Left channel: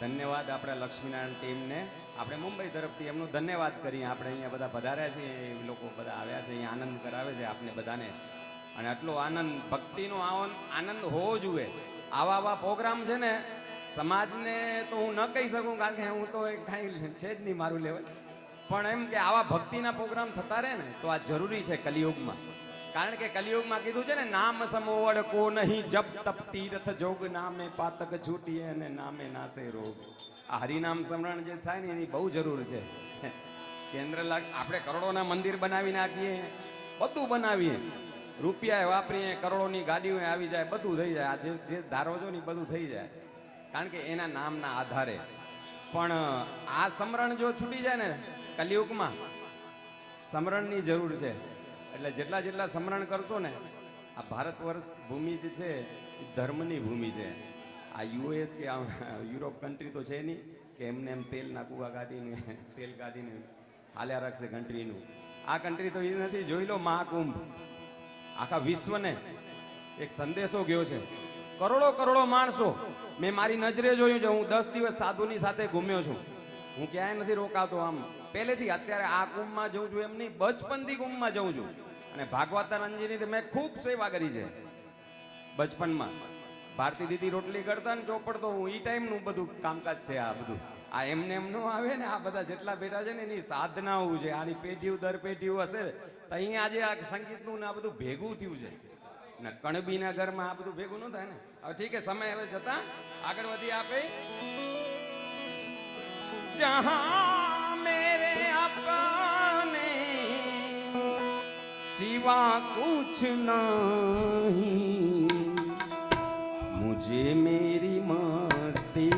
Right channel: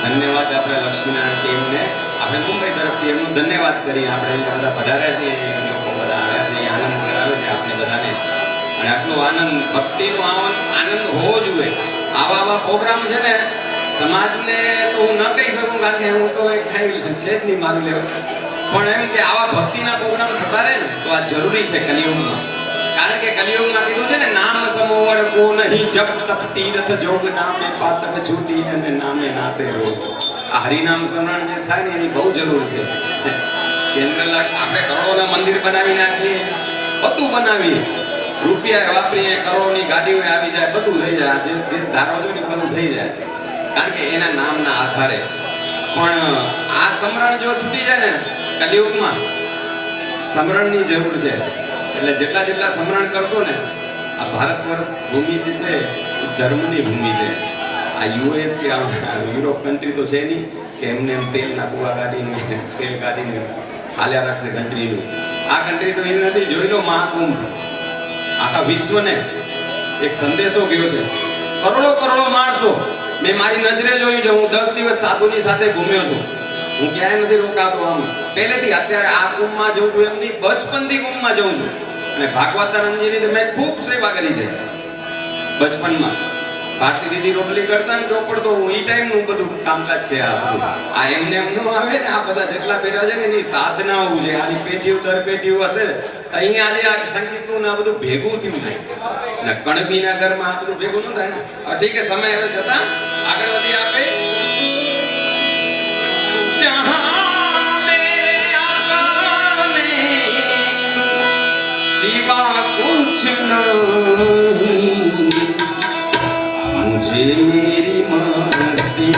ધન્યવાદ આપણે લક્ષ્મીનારાયણ ટીમને આપણે મુંબઈ તરફથી એમનું ધન્યવાદ કરી આપણે બધા પધાર્યા છીએ લોકો બધા આવ્યા છે આનંદ કરાવ્યો છે આપણે બધાને અને આટલો આનંદ ભક્તિનો આનંદ હોવો જોઈએ આવા પ્રોગ્રામ છે ને સમાજને તો હું ન કહી શકું કારણ કે હું તો એક થઈ છે જ નહીં મારું લેવું પણ એમ કે આવા ભક્તિના પ્રોગ્રામ થતા રહે ને તો આ જરૂરી છે કલિયુગમાં કારણ કે કલિયુગમાં કીધું છે ને નામ સમોવડ કો નહીં જપ તપ તીર્થ જોગ નામે પાતક છૂટી અને નામે નાસે રોગ આ હરિનામ સ્મરણ જે થાય ને એની બહુ જરૂર છે આપણે કરોડોના મંદિર બનાવી નાખીએ બધું બનાવીએ રૂપિયા વાપરીએ કરોડોની ગાડીઓ આવી જાય બધું થઈ જાય જે ધારો છો ને બધું થઈ જાય કારણ કે એના નામના આધારે પણ આ સ્મરણ જો છૂટી જાય ને કલિયુગમાં સ્મરણની જરૂર છે એટલે જેટલા સ્મરણ કરશો ને આ ભારત વર્ષ ભૂમિ જે છે એ ધર્મની ભૂમિ છે આ યુએસ કે યુરોપ કન્ટ્રી તો છે નહીં કે એમને એમ તેલના કુવા કાઢીને તેલ કાઢીને હાલ્યા રાખશે કન્ટ્રીનું આ કન્ટ્રી તો એ નથી જોઈ લો મહાકુંભ આખા વિશ્વને એક સંદેશો ગયો છે કરોડો માણસો મેં મારી નજરે જોયું છે હું 10 દિવસ સાધુની સાથે ઘૂમ્યો છું હું ક્યાંય નથી રોકાતો આમ પહેલેથી અત્યારે આ કુંભમાં જઉં છું એમની બચપનથી કુંભમાં જઉં છું અને ભાગવતાનંદજીની મેં ખૂબ સેવા કરી છે બચપનમાં ભારતી દીદી રોટલી કરતા ને ચોપડ તો હું ઈ ટાઈમનું બધું કામકાજ છે આ બધું આ એમને એમ ન આવે ને આ બધા જેટલા બેઠા છે ને એની સાધનાઓ છે આની પેઢીઓ દર પેઢીઓ હશે અહીંયા આજે આ સંગીતનું ને આ બધું ભેગું થયું છે ને કણબીના ઘરમાં આ બધું ભેગું ન થાય ને ઠીક છે સમય હવે જતા આગળ વધી આપે सिवा कुछ नहीं मुझे मेरी मस्ती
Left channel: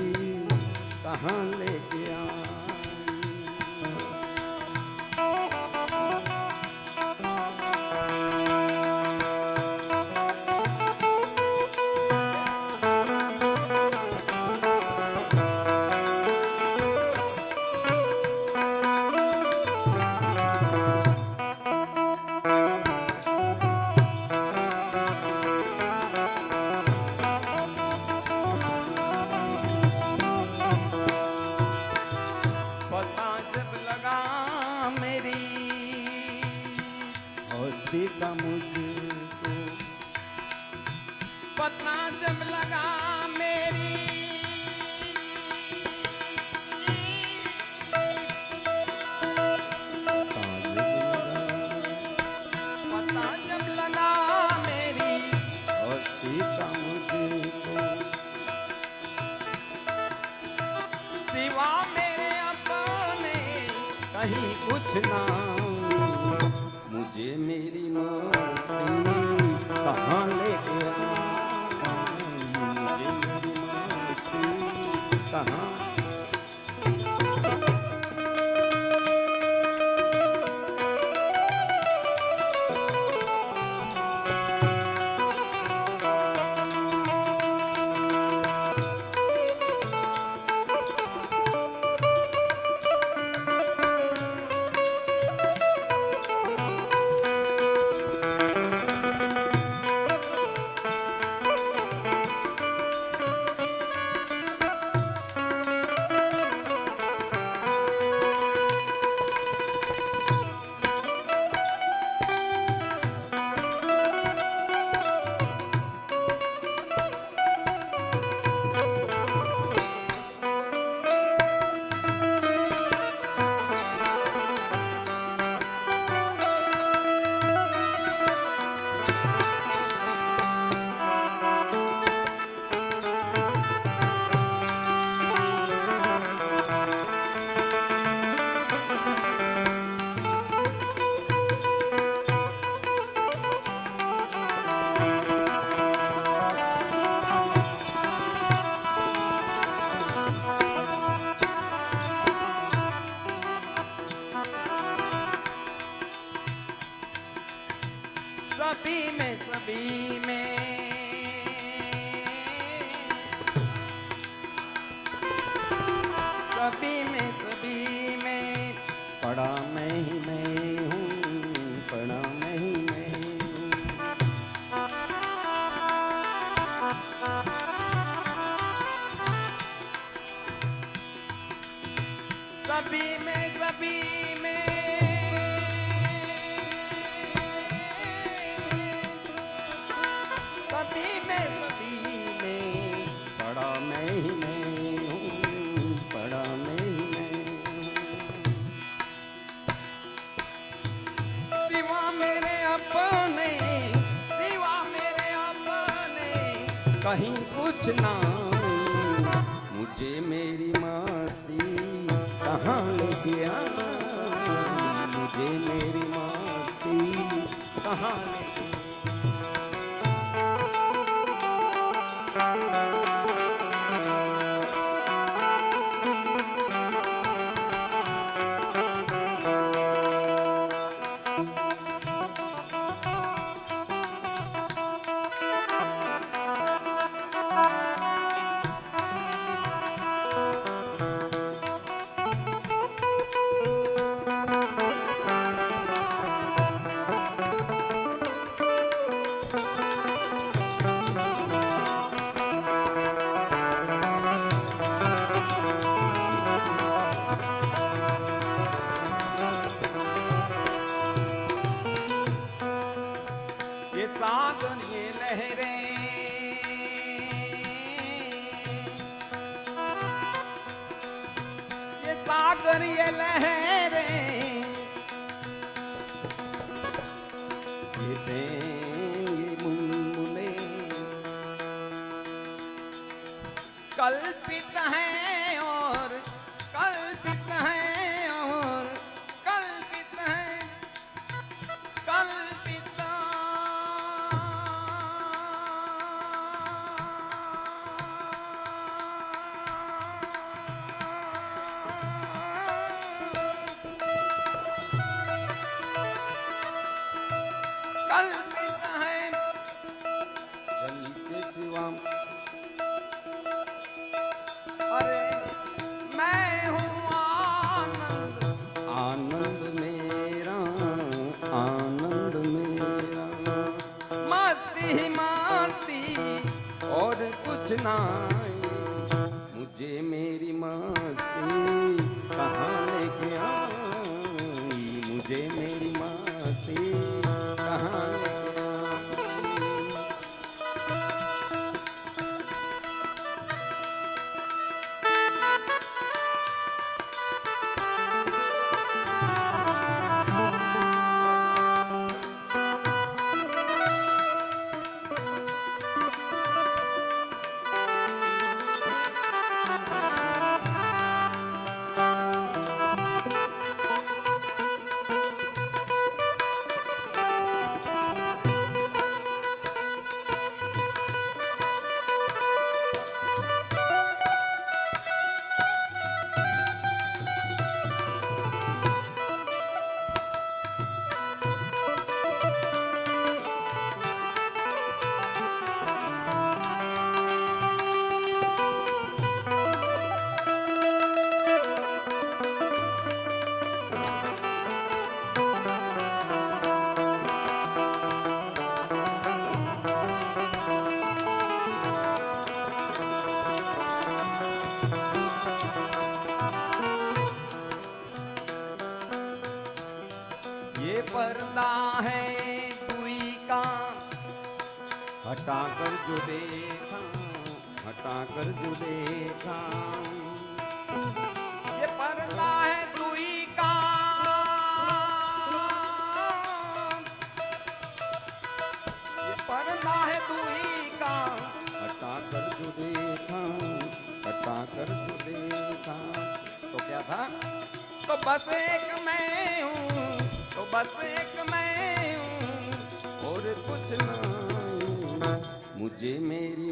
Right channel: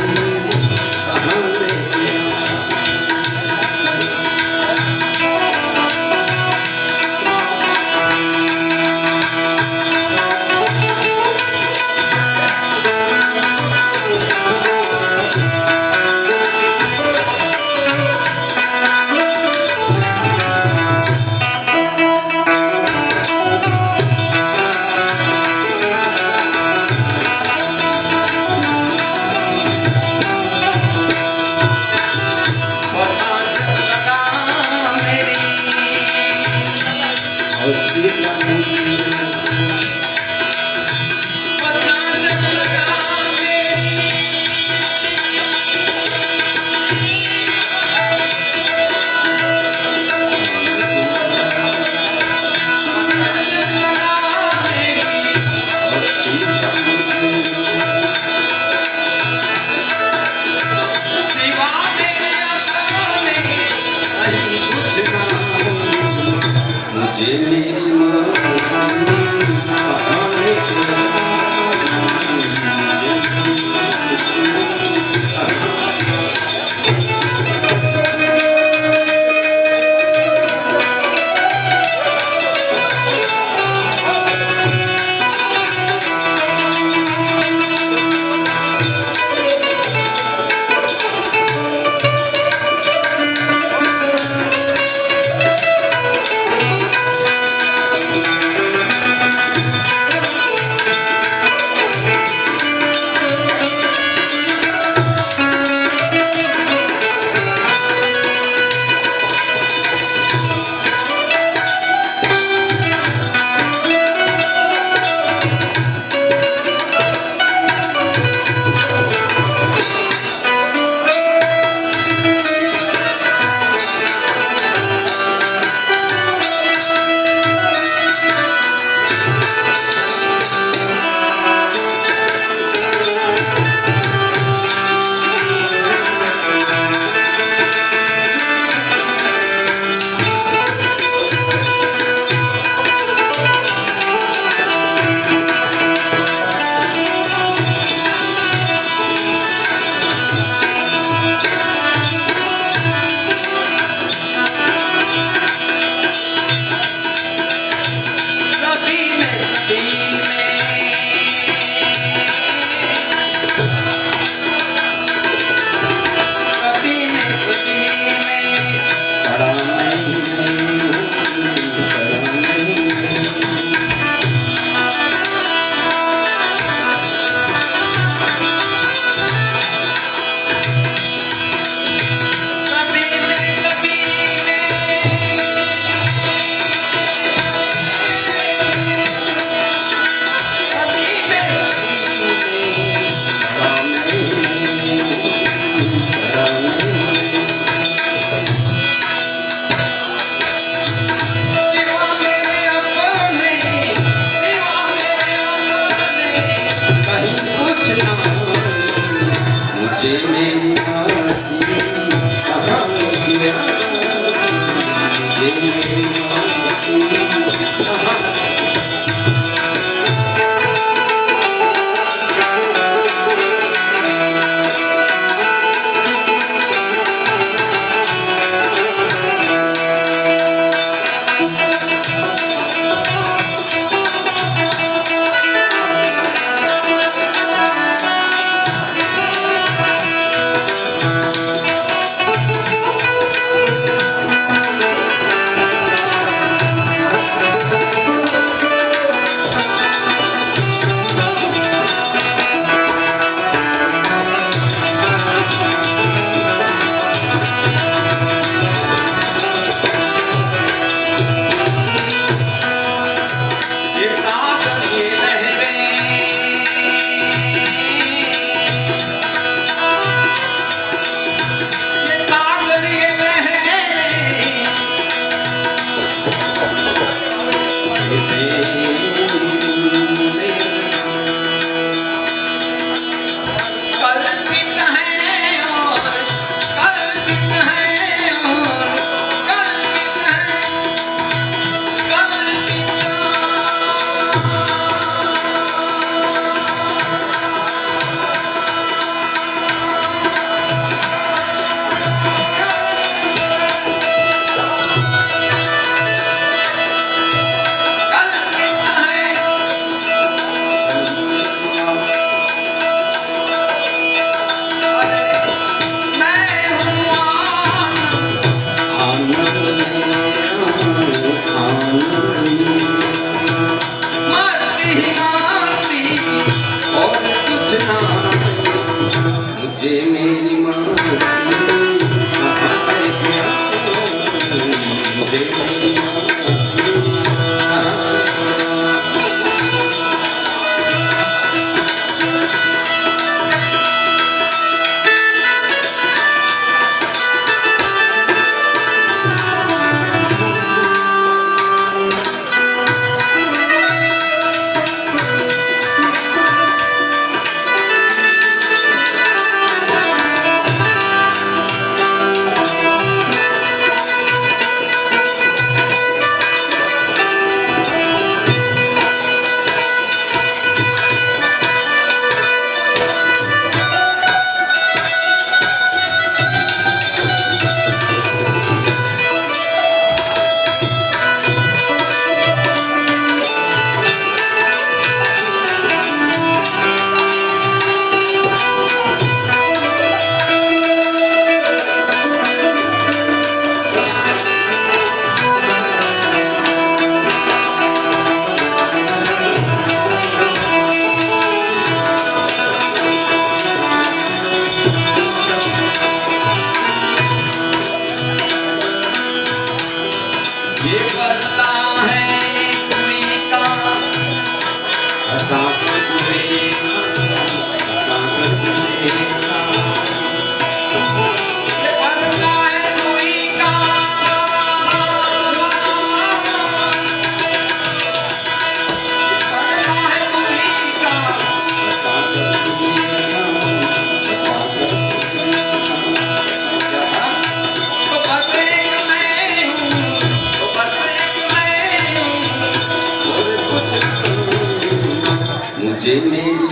मुझे मेरी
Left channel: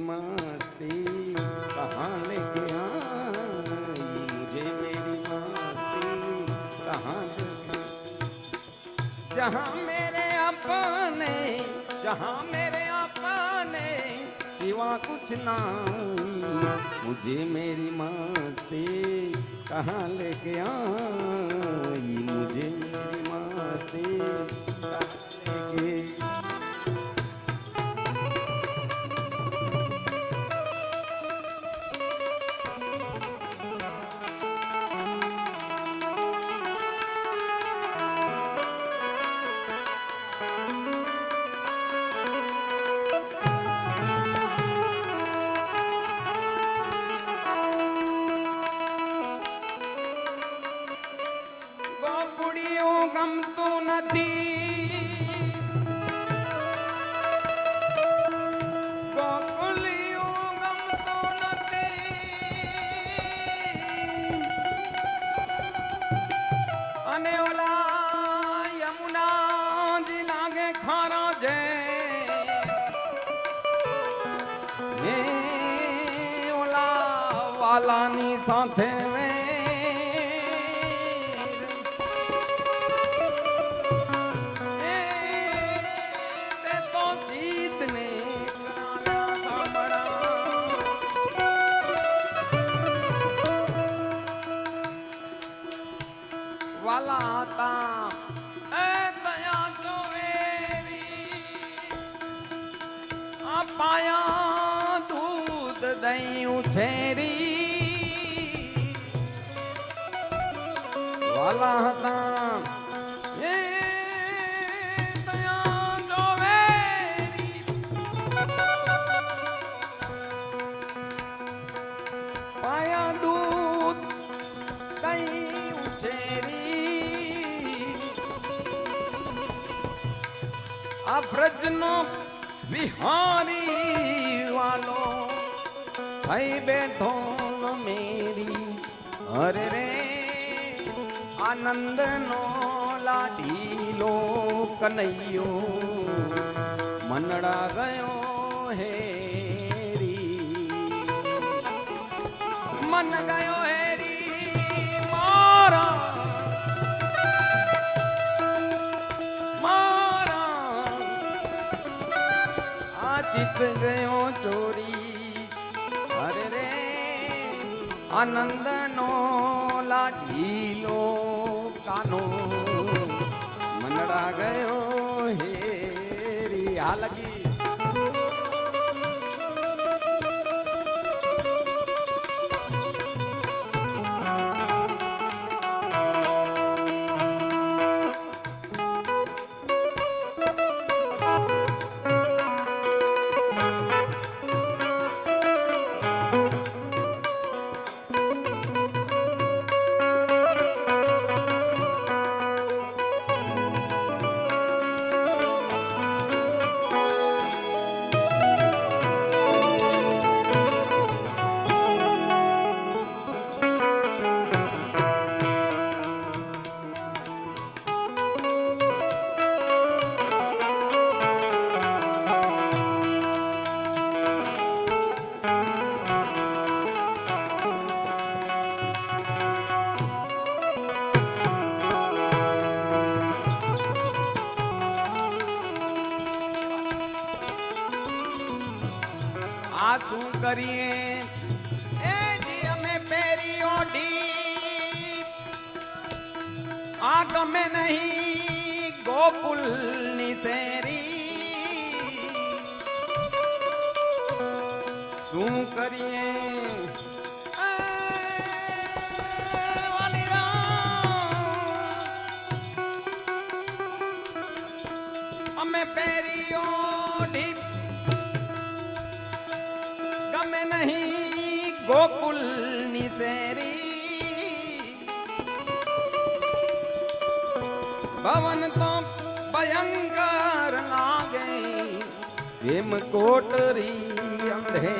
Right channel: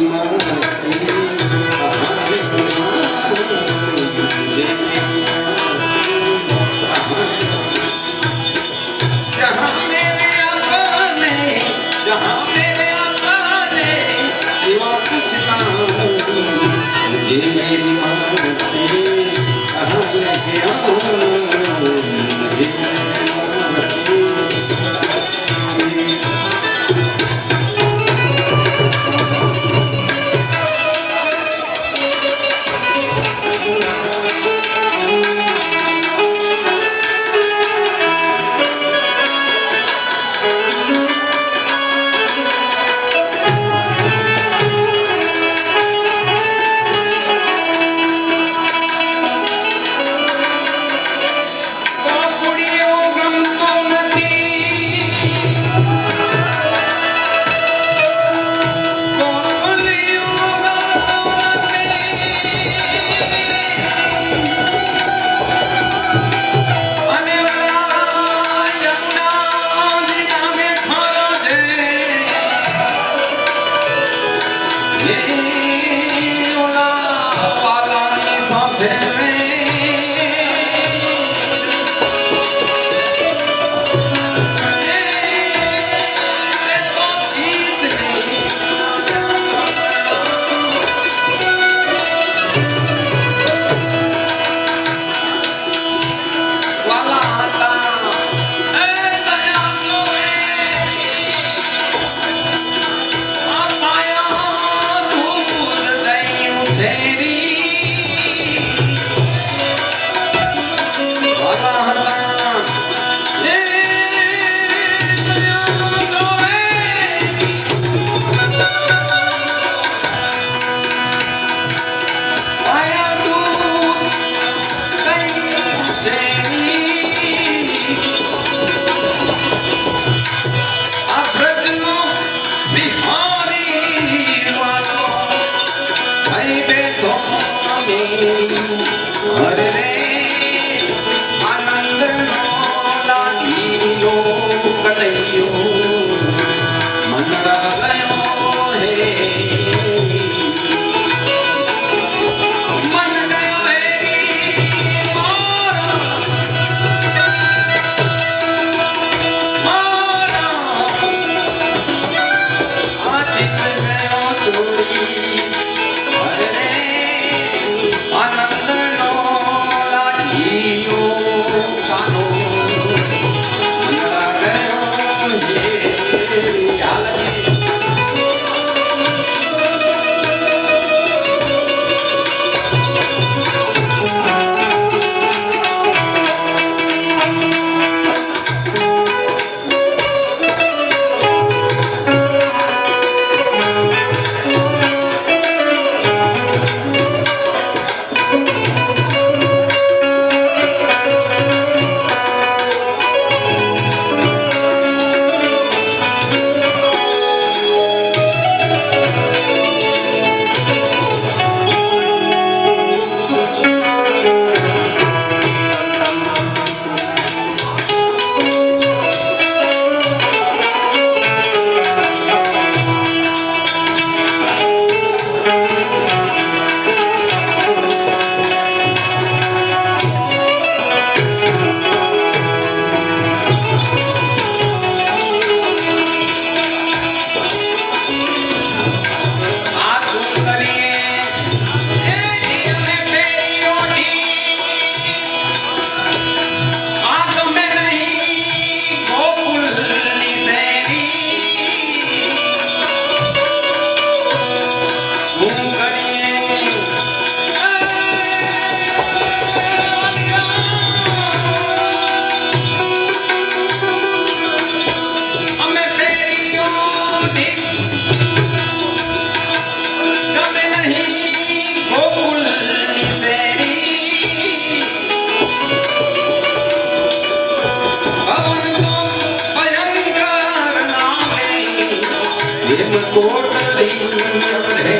એમ કોટડી આપણે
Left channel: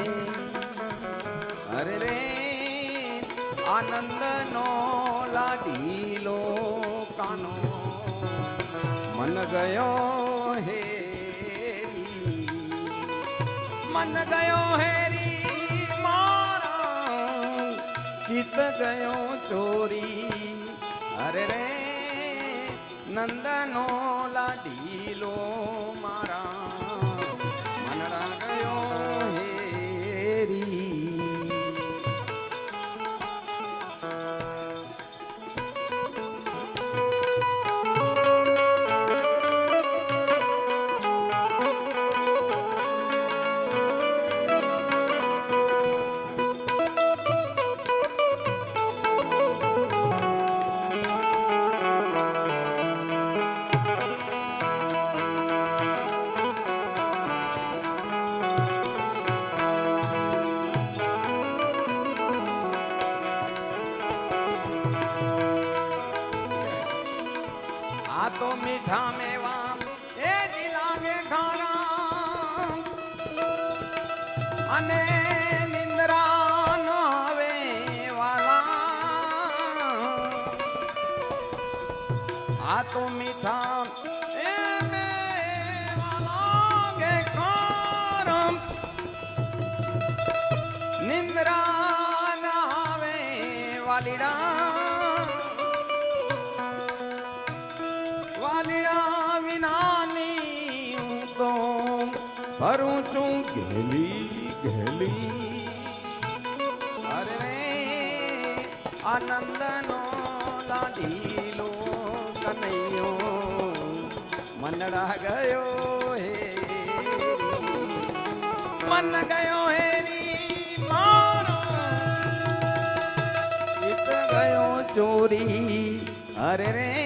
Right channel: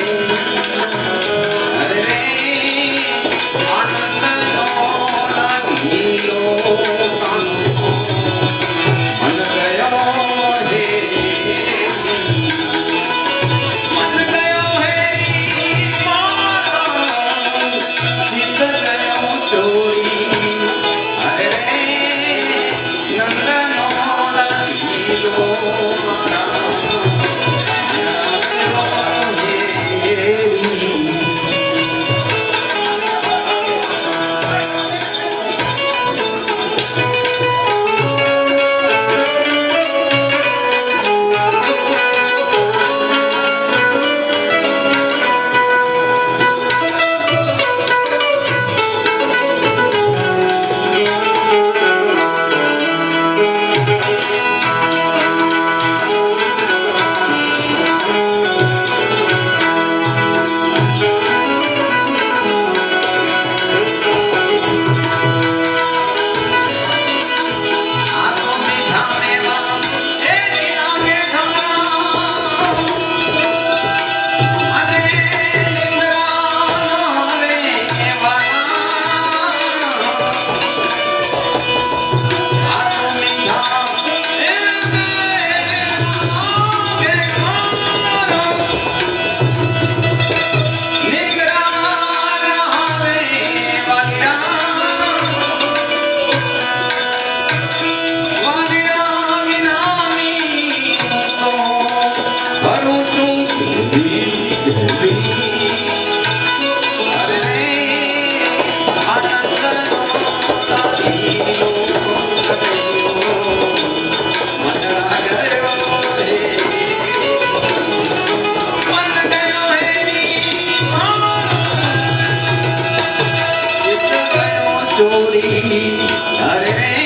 અરે રે આનંદનો લાગીલો કાનો મન ગયો હે મન ગયો હે ચિત ગયો ચોરી અરે રે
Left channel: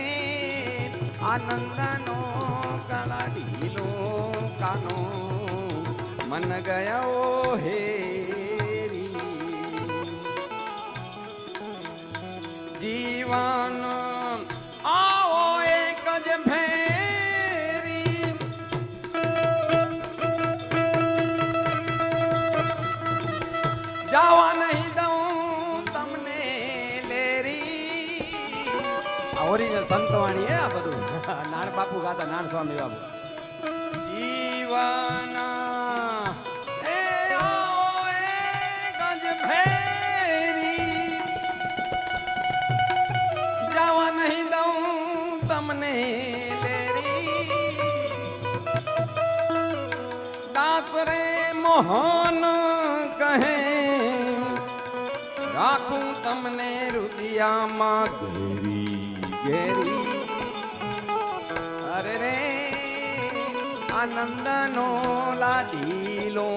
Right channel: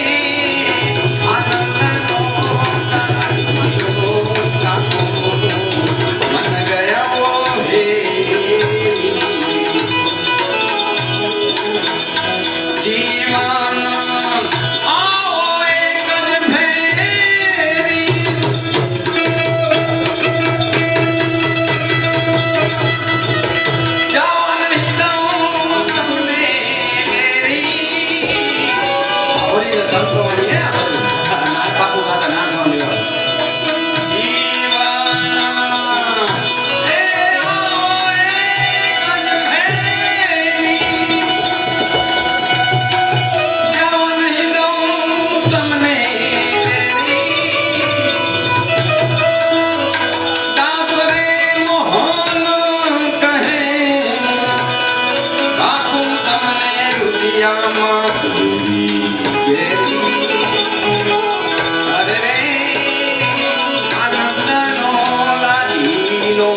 નંદનો લાગીલો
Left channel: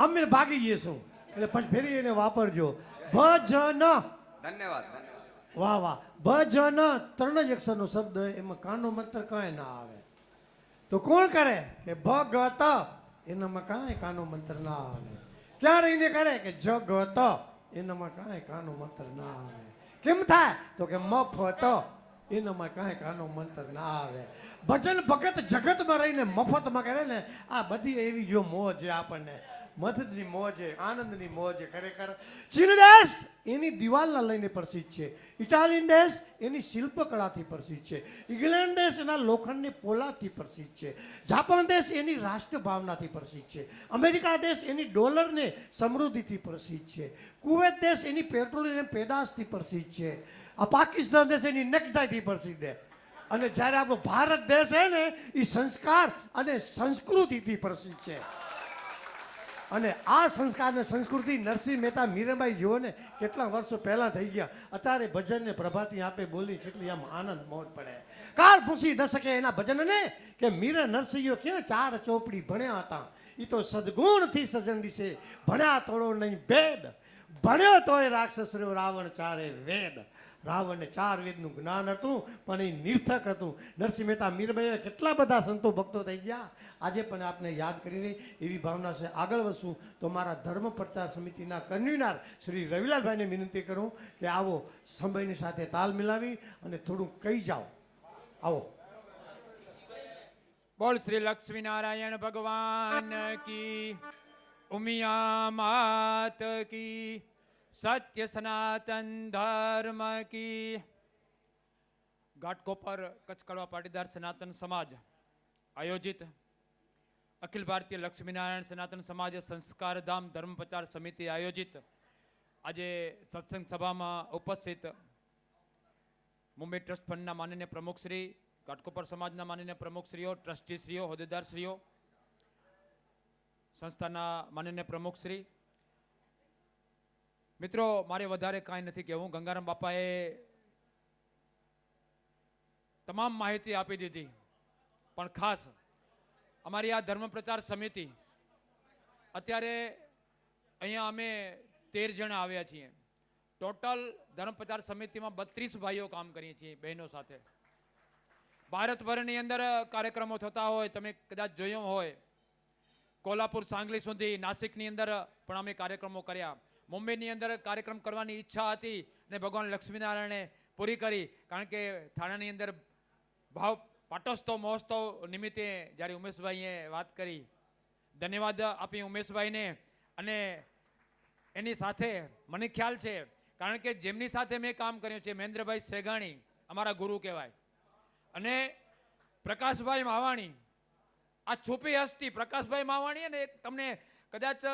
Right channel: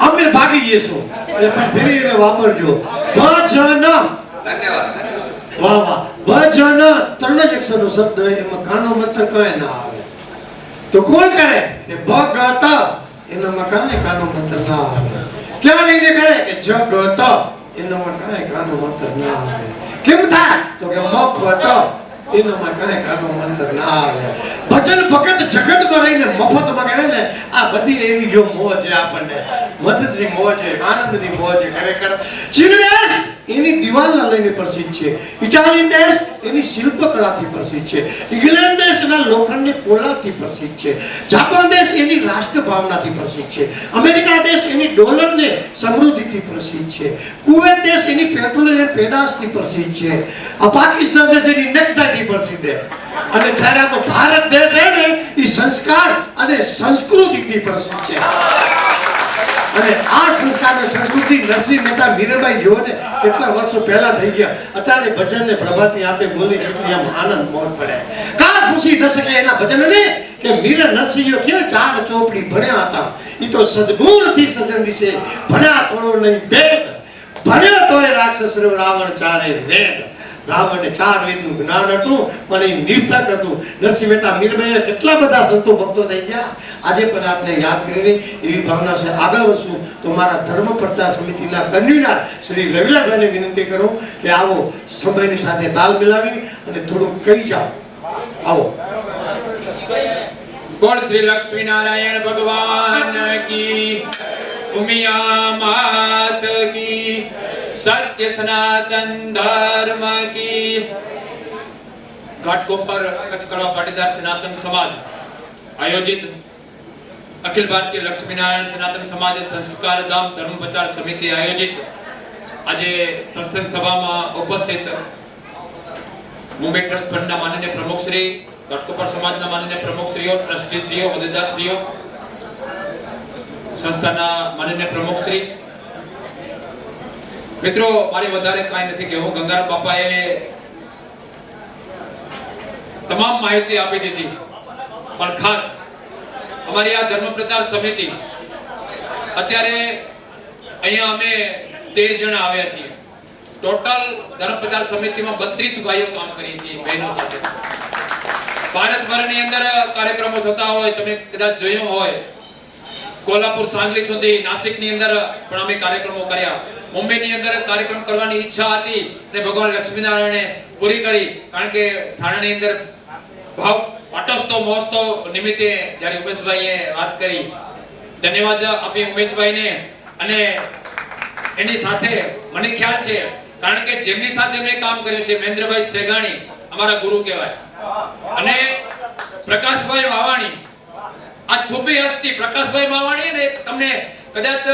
અમે ભાગી જઈશું એટલે ફેરી એને વાપરજો. ભજન, ધન્યવાદ. વાહ વાહ. ભજન ત્રણ જ અક્ષરનો શબ્દ, એમાં કાનો મત કઈ ના આવે. તો કોણ કરે કે ભગત, એનામાં કાંઈ કાનો મત ના આવે. ક્યાં રહીને કરે કે જગત, એનામાં કાંઈ કાનો મત ના આવે. કેમ થાય તો કે મફત, એનામાં કાંઈ કાનો મંત્ર ના આવે. ભજન ભગત જગતમાં રહીને મફતમાં કરે ને, આ બધી એની જો મોજ છે આપણને, મદદની મોજ છે, આનંદની મોજ છે. ખરેખર ચીન દેશ એની દિવાલના લઈને પ્રસિદ્ધ છે, ઇટાલિયન દેશ એની શિલ્પકલાથી પ્રસિદ્ધ છે, ઇંગ્લેન્ડ દેશના લોખંડની પોલાદથી પ્રસિદ્ધ છે, જાપાન દેશ એની રાષ્ટ્ર ભાવનાથી પ્રસિદ્ધ છે, અમેરિકા દેશ એની ડોલરને સમૃદ્ધિથી પ્રસિદ્ધ છે, કુવૈત દેશ એની પેટ્રોલિયમ પેદાશથી પ્રસિદ્ધ છે, આ પાકિસ્તાન દેશ એની નેકટાઈથી પ્રસિદ્ધ છે, અને જ્યારે આપણો ભારત દેશ છે ને એ સંસ્કાર અને સંસ્કૃતિથી પ્રસિદ્ધ છે. અને આ સંસ્કાર અને સંસ્કૃતિ નરસિંહ મહેતા મીરાબાઈ જેવો ને કેટલા વર્ષો પહેલા થઈ ગયા, અત્યારે ભજન ને પ્રભાતી આપે બોલી કેટલી આમ આનંદ મોજ પડે. કા પૂછી ન શકે એના ભજન ને કે મીરા નરસિંહ કે ચાર ચોપડી ભણ્યા હતા, ઈ તો સદગુણથી સજન દિશે ભણ્યા થોડો નહીં ભેદ, ભણ્યો તોય રાક્ષસ રાવણ ચારે વેદ. રાવણને ચાર વેદનું જ્ઞાન હતું પણ એ નિર્થક હતું. નરસિંહ મહેતા મીરાબાઈ કેટલા બધા સંતો ભક્તો થઈ ગયા, આજે પણ આપણે યાદ કરીને એવી ભાવના છે. આગળ વધશું તો મારા ધર્મ પ્રચાર સમિતિના કન્વીનર શ્રી રવિલાભાઈને વિનંતી કરું કે આવો સમયની સાથે તાલ મિલાવી અને થોડું કહી જાઓ. આવો. બોલ શ્રી લક્ષ્મી નારાયણ ભગવાન કી, ઉમિયા માત કી, સત્ય સનાતન ધર્મ કી. ઘાટકોપર કચ્છ કડવા પાટીદાર સનાતન સમાજ આયોજિત અખિલ ભારતીય લક્ષ્મીનારાયણ સનાતન સમાજ સંસ્કાર ધામ ધર્મ પ્રચાર સમિતિ આયોજિત આજે સત્સંગ સભામાં ઉપસ્થિત મુંબઈ ટ્રસ્ટ ફંડના માનનીય પ્રમુખ શ્રી, ઘાટકોપર સમાજના માનનીય પ્રમુખ શ્રીઓ, ટ્રસ્ટી શ્રીઓ, હોદ્દેદાર શ્રીઓ, સંસ્થાના માનનીય પ્રમુખ શ્રી, મિત્રો, મારી વધારે કાંઈ નથી કહેવું. ગંગારામ બાપાએ તમામ માહિતી આપી દીધી, પણ ખાસ અમારી આ ધર્મ પ્રચાર સમિતિ અત્યારે અહીંયા અમે 13 જણા આવ્યા છીએ. ટોટલ ધર્મ પ્રચાર સમિતિમાં 32 ભાઈઓ કામ કરીએ છીએ, બહેનો સાથે. ભારતભરની અંદર કાર્યક્રમો થતા હોય, તમે કદાચ જોયું હોય, કોલ્હાપુર, સાંગલી સુધી, નાસિકની અંદર પણ અમે કાર્યક્રમો કર્યા. મુંબઈની અંદર કાર્યક્રમ કરવાની ઈચ્છા હતી અને ભગવાન લક્ષ્મીનારાયણે પૂરી કરી, કારણ કે થાણાની અંદર ભાવ પાટોત્સવ મહોત્સવ નિમિત્તે જ્યારે ઉમેશભાઈએ વાત કરી, ધન્યવાદ આપી ઉમેશભાઈને. અને એની સાથે મને ખ્યાલ છે, કારણ કે જેમની સાથે મેં કામ કર્યું છે, મહેન્દ્રભાઈ સેગાણી અમારા ગુરુ કહેવાય, અને પ્રકાશભાઈ માવાણી, આ છુપી હસ્તી પ્રકાશભાઈ માવાણી ને તમને કદાચ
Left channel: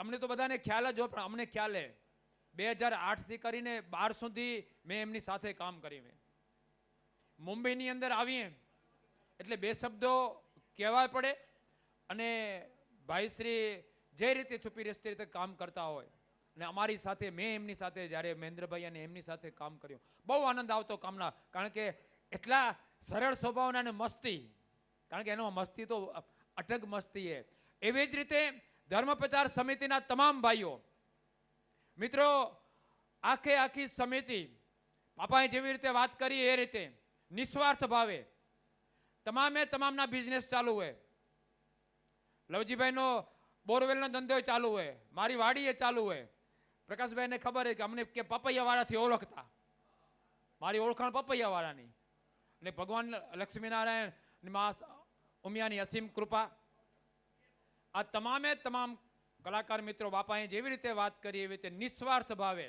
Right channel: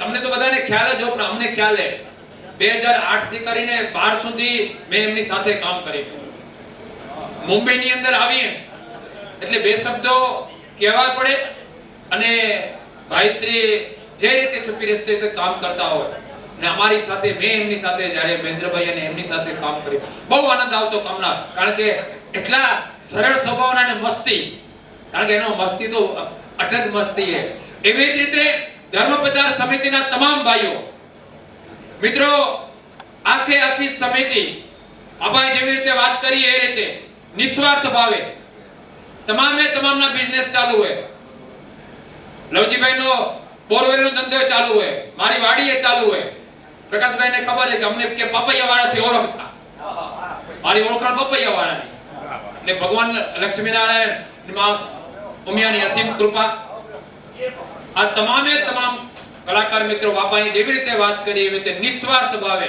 તમને તો બધાને ખ્યાલ જ હોય, પણ અમને ખ્યાલ છે 2008 થી કરીને 12 સુધી મેં એમની સાથે કામ કર્યું. મુંબઈની અંદર આવીએ એટલે બે શબ્દો કહેવા પડે, અને ભાઈશ્રી જે રીતે છુપી રસ્તે કામ કરતા હોય ને અમારી સાથે, મેં એમની સાથે જ્યારે મહેન્દ્રભાઈ અને એમની સાથે કામ કર્યું, બહુ આનંદ આવતો કામના. કારણ કે એટલા સરળ સ્વભાવના અને મસ્તી, કારણ કે એનો મસ્તી તો અટક મસ્તી છે. એવી જ રીતે ધર્મ પ્રચાર સમિતિના તમામ ભાઈઓ મિત્રો, આખી સમિતિ આપણે જેવી રીતે વાત કરી એ રીતે નિસ્વાર્થ ભાવે તમામના બિઝનેસ ચાલુ હોય. લવજીભાઈનો બોરવેલનો ધંધો ચાલુ હોય, મારી વાડીએ ચાલુ હોય. પ્રકાશભાઈને ખબર છે કે અમને કે પપૈયાવાળાથી ઓળખતા, મારી ઓળખાણ પપૈયાવાળાની. ને ભગવાન લક્ષ્મીનારાયણ ઉમિયાની અસીમ કૃપા. આ તમામ કલાકાર મિત્રો બાપાએ જેવી રીતે વાત કરી એવી રીતે નિસ્વાર્થ ભાવે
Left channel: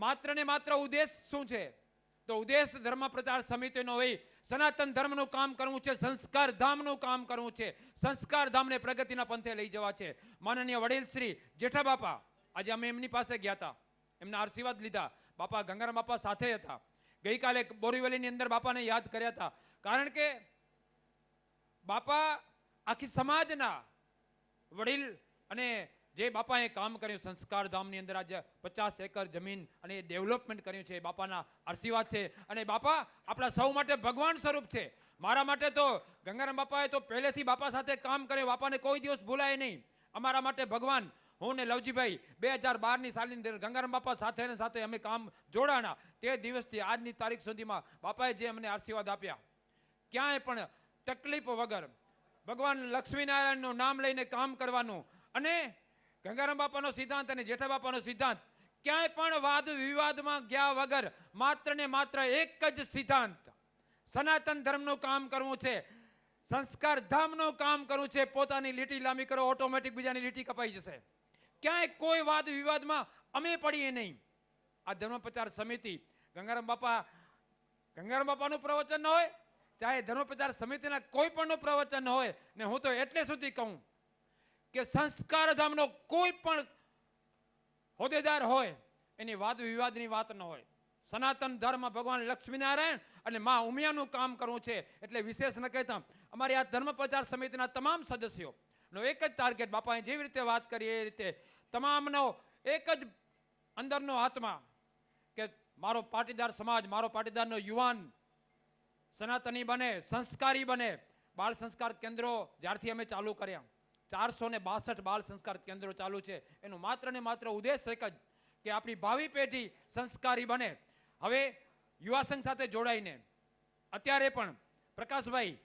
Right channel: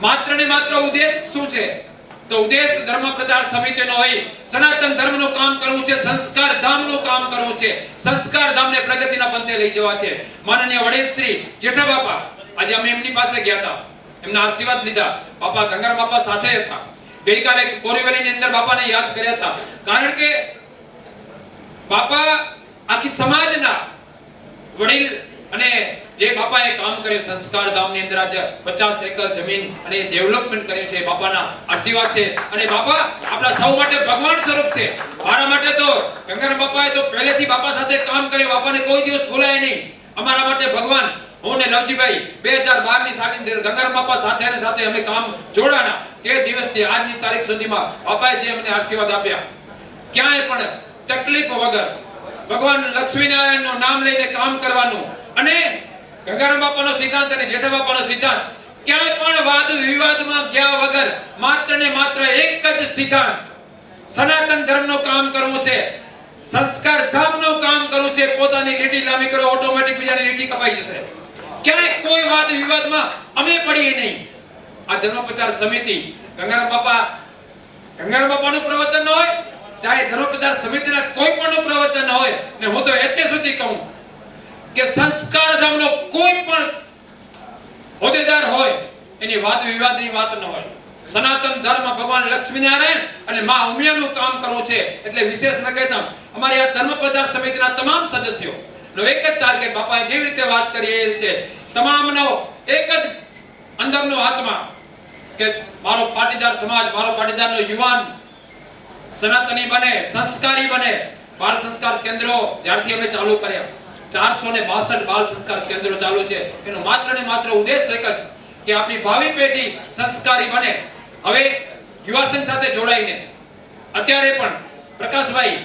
માત્ર ને માત્ર ઉદ્દેશ શું છે? તો ઉદ્દેશ ધર્મ પ્રચાર સમિતિનો હોય સનાતન ધર્મનું કામ કરવું છે, સંસ્કાર ધામનું કામ કરવું છે, સંસ્કાર ધામને પ્રગતિના પંથે લઈ જવા છે. માનનીય વડીલ શ્રી જેઠા બાપા, આજે અમે એમની પાસે ગયા હતા, એમના આશીર્વાદ લીધા. બાપા ગંગારામ બાપા સાથે હતા. ગઈકાલે બોરીવલીની અંદર બાપાને યાદ કર્યા હતા, કારણ કે બાપા આખી સમાજના વડીલ અને જે બાપાએ કામ કર્યું સંસ્કાર ધામની અંદર આજે 50 એકર જમીન અને ડેવલપમેન્ટ કર્યું છે, બાપાના આશીર્વાદ છે. અને બાપા આપણા સૌ માટે ભગવાન સ્વરૂપ છે. મારા માટે તો ગંગારામ બાપાએ તો પહેલેથી બાપા સાથે કામ કર્યું, બાપાને કોઈ દિવસ ભૂલાય નહીં. અમારા માટે ભગવાન. હું ને લવજીભાઈ 2012 ની સાલની અંદર ગંગારામ બાપા સાથે અમે કામ જોડાણા. એ દિવસથી આજની તારીખ સુધીમાં બાપાએ જે અમને આશીર્વાદ આપ્યા, ક્યાંય પણ તકલીફ વગર ભગવાન લક્ષ્મીનારાયણનું નામ લઈને કામ કરવાનું. અને ગંગારામ બાપાનો સિદ્ધાંત અને જેઠા બાપાનો સિદ્ધાંત, ક્યાંય પણ વાદ વિવાદમાં ગયા વગર માત્ર ને માત્ર એક જ સિદ્ધાંત, સનાતન ધર્મનું કામ કરવું છે, સંસ્કાર ધામનું કામ કરવું છે. પોતાની લીટી લાંબી કરો, ઓટોમેટિક બીજાની લીટી કપાઈ જશે. ક્યાંય કોઈ વાદ વિવાદમાં અમે પડીએ નહીં. આ ધર્મ પ્રચાર સમિતિ ગંગારામ બાપાનું પ્રવચન ન હોય, ચાહે ધર્મ પ્રચાર સમિતિના કોઈ પણ પ્રવચન હોય, ને હું તો એટલે સુધી કહું કે સંસ્કાર ધામનો કોઈ પણ હોદ્દેદાર હોય એની વાદ વિવાદની વાત ન હોય. સનાતન ધર્મ ભગવાન લક્ષ્મીનારાયણ અને માં ઉમિયાનું કામ કરવું છે. એટલે વિશેષ ન કહેતા અમારી આ ધર્મ પ્રચાર સમિતિના તમામ સદસ્યો નો એક જ ટાર્ગેટ, બાપાએ જેવી રીતે વાત કરી એ રીતે તમામનો એક જ અંદરનો આત્મા કે મારો પાટીદાર સમાજ, મારો પાટીદારનો યુવાન સનાતની બને, સંસ્કારી બને. બાળ સંસ્કાર કેન્દ્રો જ્યારથી અમે ચાલુ કર્યા, 462 બાળ સંસ્કાર કેન્દ્રો ચાલુ છે. એનો માત્ર ને માત્ર ઉદ્દેશ એક જ કે આપણી ભાવિ પેઢી સંસ્કારી બને. હવે યુવા સંઘ સાથે જોડાઈને અત્યારે પણ પ્રકાશભાઈ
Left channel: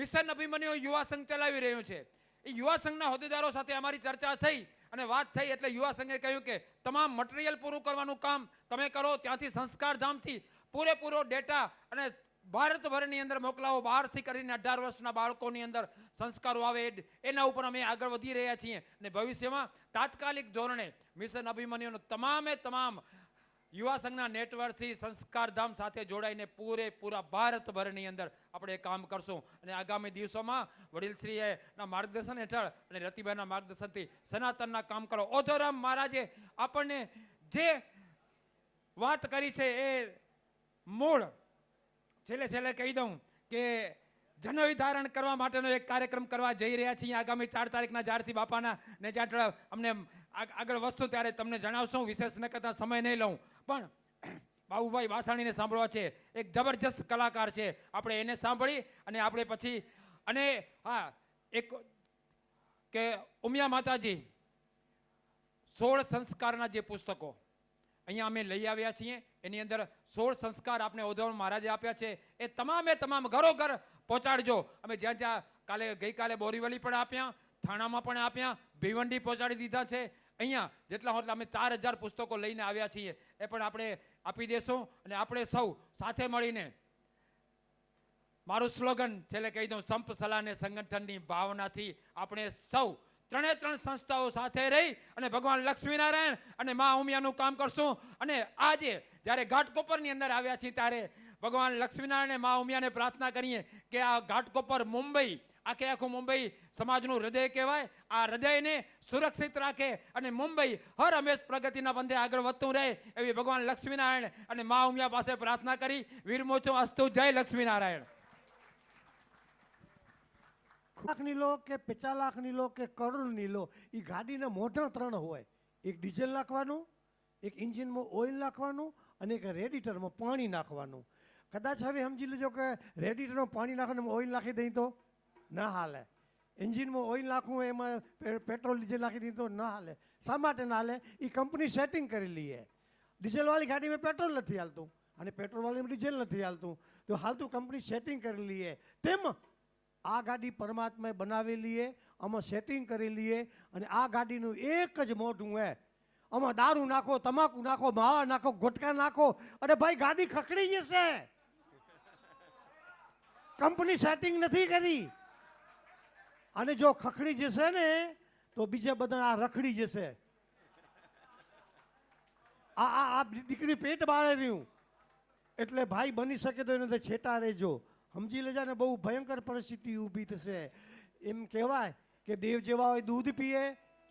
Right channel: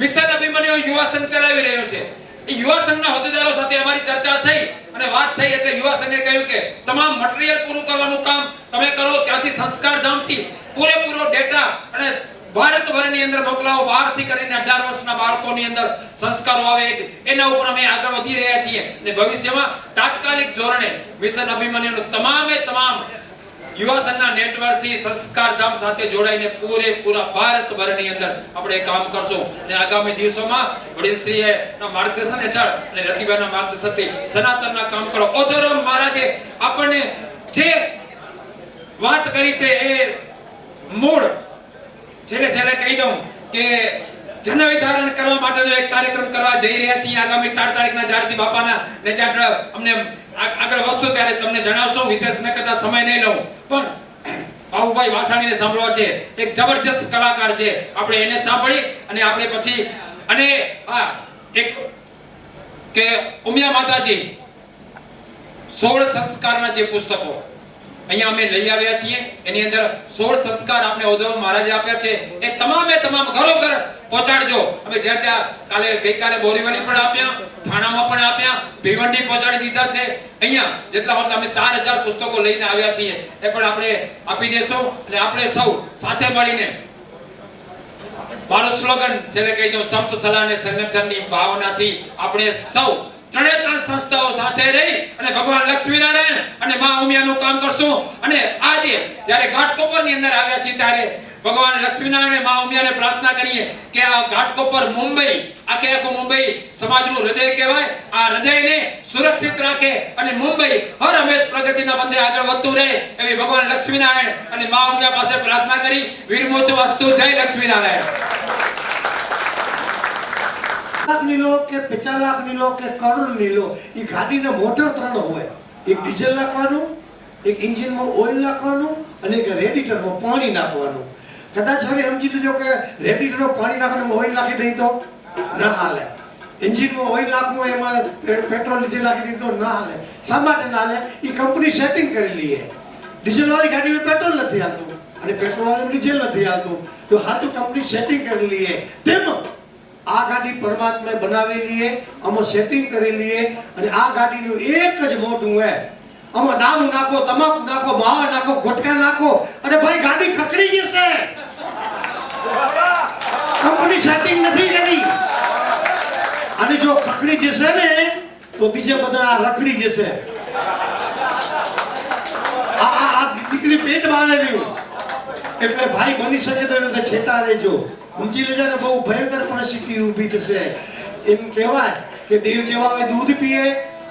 મિશન અભિમન્યુ યુવા સંઘ ચલાવી રહ્યો છે. એ યુવા સંઘના હોદ્દેદારો સાથે અમારી ચર્ચા થઈ અને વાત થઈ એટલે યુવા સંઘે કહ્યું કે તમામ મટીરીયલ પૂરું કરવાનું કામ તમે કરો, ત્યાંથી સંસ્કાર ધામથી પૂરેપૂરો ડેટા અને ભારતભરની અંદર મોકલાવો. 12 થી કરીને 18 વર્ષના બાળકોની અંદર સંસ્કારો આવે, એના ઉપર અમે આગળ વધી રહ્યા છીએ. અને ભવિષ્યમાં તાત્કાલિક ધોરણે મિશન અભિમન્યુનું તમામ યુવા સંઘના નેટવર્કથી સંસ્કાર ધામ સાથે જોડાઈને પૂરેપૂરા ભારતભરની અંદર આપણે કામ કરશું. અને આગામી દિવસોમાં વડીલશ્રીના માર્ગદર્શન હેઠળ અને રતિભાઈના માર્ગદર્શનથી સનાતનના કામ કરો. ઓધોરામ મહારાજે આપણને જે વાત કરી છે એ મૂળ છેલ્લે કહી દઉં કે જનવિધારણ કરવા માટેનો એક કાર્યક્રમ કરવા જઈ રહ્યા છીએ. આગામી 4 તારીખના જ્યારથી બાપાના નેચાટ અમને આગળ વધશું ત્યારે તમને જણાવશું. વિશેષ ન કરતા સમય નહીં લઉં, પણ બાબુભાઈ વાછાણીને સાંભળવા છે. એક જબરજસ્ત કલાકાર છે, આપણે એને સાંભળી અને આપણે પછી અને હા એક કે ઉમિયા માતાજી 16 સંસ્કારના જે પુસ્તકો અહીંયા અમે લઈ આવ્યા છીએ, એની અંદર 16 સંસ્કાર આપણે ઓધવ મહારાજે આપ્યા છે. એ તમામ ઘરો-ઘર પહોંચાડજો. અમે જ્યાં ગઈકાલે બોરીવલી પણ આપ્યા, થાણામાં પણ આપ્યા, ભીવંડી પહોંચાડી દીધા છે. અહીંયા જેટલા હોત અમે 4000 પુસ્તકો લઈને આવ્યા છીએ, એ પણ આપણે આપી દેશું. અને આપણે સૌ સાથે મળીને મારો સ્લોગન છેલ્લે કહી દઉં, સંપ સલાહ અને સંગઠનની ભાવનાથી આપણે સૌ 3 સંસ્થાઓ સાથે રહી અને ભગવાન લક્ષ્મીનારાયણ અને માં ઉમિયાનું કામ કરશું. અને આજે જ્યારે ઘાટકોપરની અંદર આવ્યા છીએ ત્યારે ભગવાન લક્ષ્મીનારાયણ અને માં ઉમિયાને પ્રાર્થના કરીએ કે આ ઘાટકોપર મુંબઈ, આખું મુંબઈ સમાજનું હૃદય કહેવાય, આ હૃદયને સુરક્ષિત રાખે અને મુંબઈ હર હંમેશ પ્રગતિના બંધે આગળ વધતું રહે એવી ભગવાન લક્ષ્મીનારાયણ અને માં ઉમિયા પાસે પ્રાર્થના કરી વીરમોચ વાસ્તુ. જય લક્ષ્મીનારાયણ. લાખની લો કે 50 લાખની લો કે કરોડની લો, એ ગાડીના મોટર 3 હોય. એક ડીઝલ નાખવાનું, એક એન્જિનમાં ઓઇલ નાખવાનું અને એક રેડિએટરમાં પાણી નાખવાનું. કદાચ હવે સમજી લીધો કે રેડિએટરમાં પાણી નાખવાનું ઓઇલ નાખી દઈ તો ના હાલે, એન્જિનમાં ઓઇલ નાખવું એમાં પેટ્રોલ ડીઝલ નાખી દઈ તો ના હાલે. શા માટે ના હાલે? એ કંપની સેટિંગ કરેલી છે. ડીઝલ વાળી ગાડીમાં પેટ્રોલ નથી હાલતું અને પેટ્રોલ વાળામાં ડીઝલ નથી હાલતું, તો હાથું કંપની સેટિંગ કરેલી છે. તેમ આ ગાડી પરમાત્માએ બનાવેલી છે, આમાં સેટિંગ કરેલી છે. અને આ ગાડીનું એક જ મોટું હે, આમાં દારૂ નાખો, તમાકુ નાખો, માવા નાખો, ગુટકા નાખો, અરે ભાઈ ગાડી ખકડી જશે. કંપની સેટિંગ નથી કરી. અને જો ખકડી જશે ને તો બીજે બધા રખડી જશે. આ આવ્યું. એટલે ભાઈ બની શકે તો એને છેટા રહેજો. સમજી લેજો ને, બહુ ભયંકર પરિસ્થિતિ ઊભી થશે. એમ કહેવાય કે દેવ જેવા હોય દૂધ પીએ,